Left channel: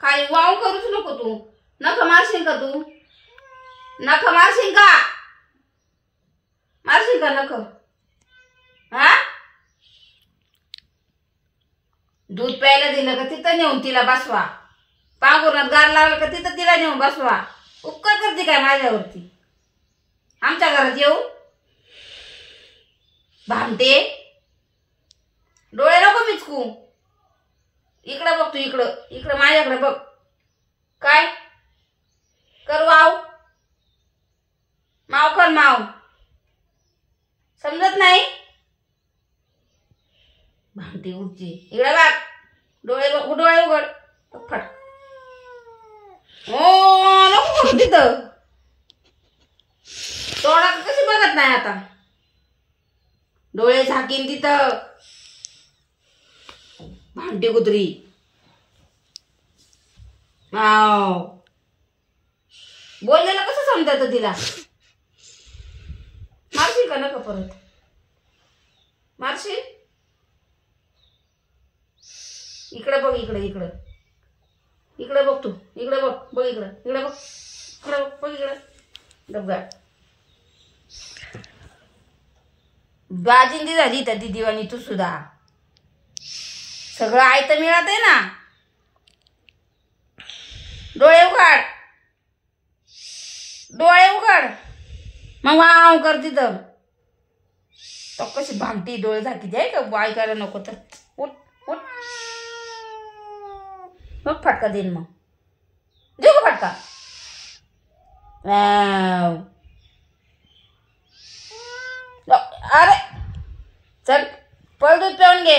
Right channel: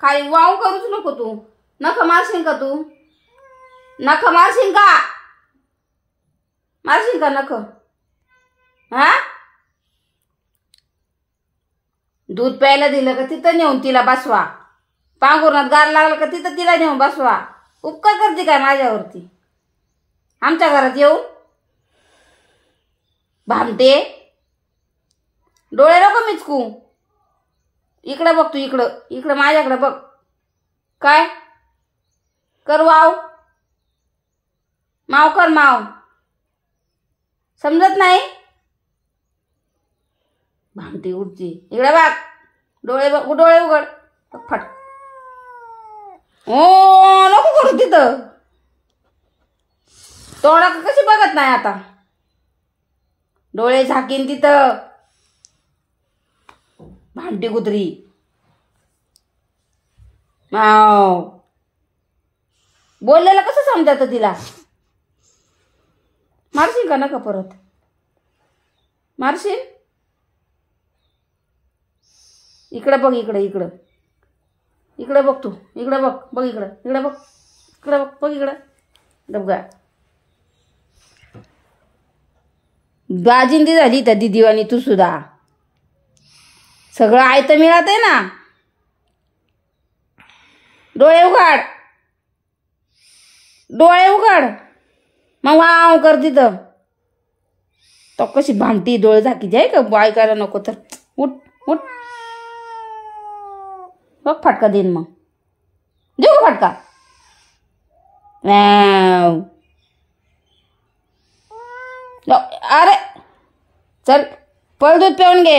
खाली वाव करूच नको तू. नख मारशील का तू? नख मारशील का? मारशील का नख? हा? दूध प्यायला दिलं का तिथं नेऊन तिला बसवा. पांघरुणात गार लागला का तिथं तिला नेऊन बसवा. उपकार करते काय माझ्यावरती? आमच्या घरात येऊन भामटे. डोळे नको मिचकू. इकडं बघ तू. इकडं इकडं माझ्याकडे बघ. काय कर? वाव माव कर. माव समजत नाही? भामटी उडची. इकडे बघ. डोळे डोळे उघड. फट. ओ नको करू तिथं. तोडा कशी बघत नाही आता? डोळे झाकीन तिथं. भामटी कुत्री. बोललेलं कसं समजायचं तिला? मारशील का नका परत? मारशील? इकडं बघ. इकडं इकडं इकडं बघ तू. इकडं बघ. बघ इकडं. इकडं बघ. इकडं बघ. बघ इकडं. डबगा बाजिंदी झाली त्या दिदीवानी तू सुद्धा. सगळं आयतं मिळत आहे ना. डोळे उघड. डोळे उघड. मग वाव कर तिथं. तो कशी भामटी डोळे झाकीची आहे का? ऐकायला नको तर. उठ उठ. बघ फटका देईन मग. देऊ फटका? अरे चल पळ दूध पिऊन घे.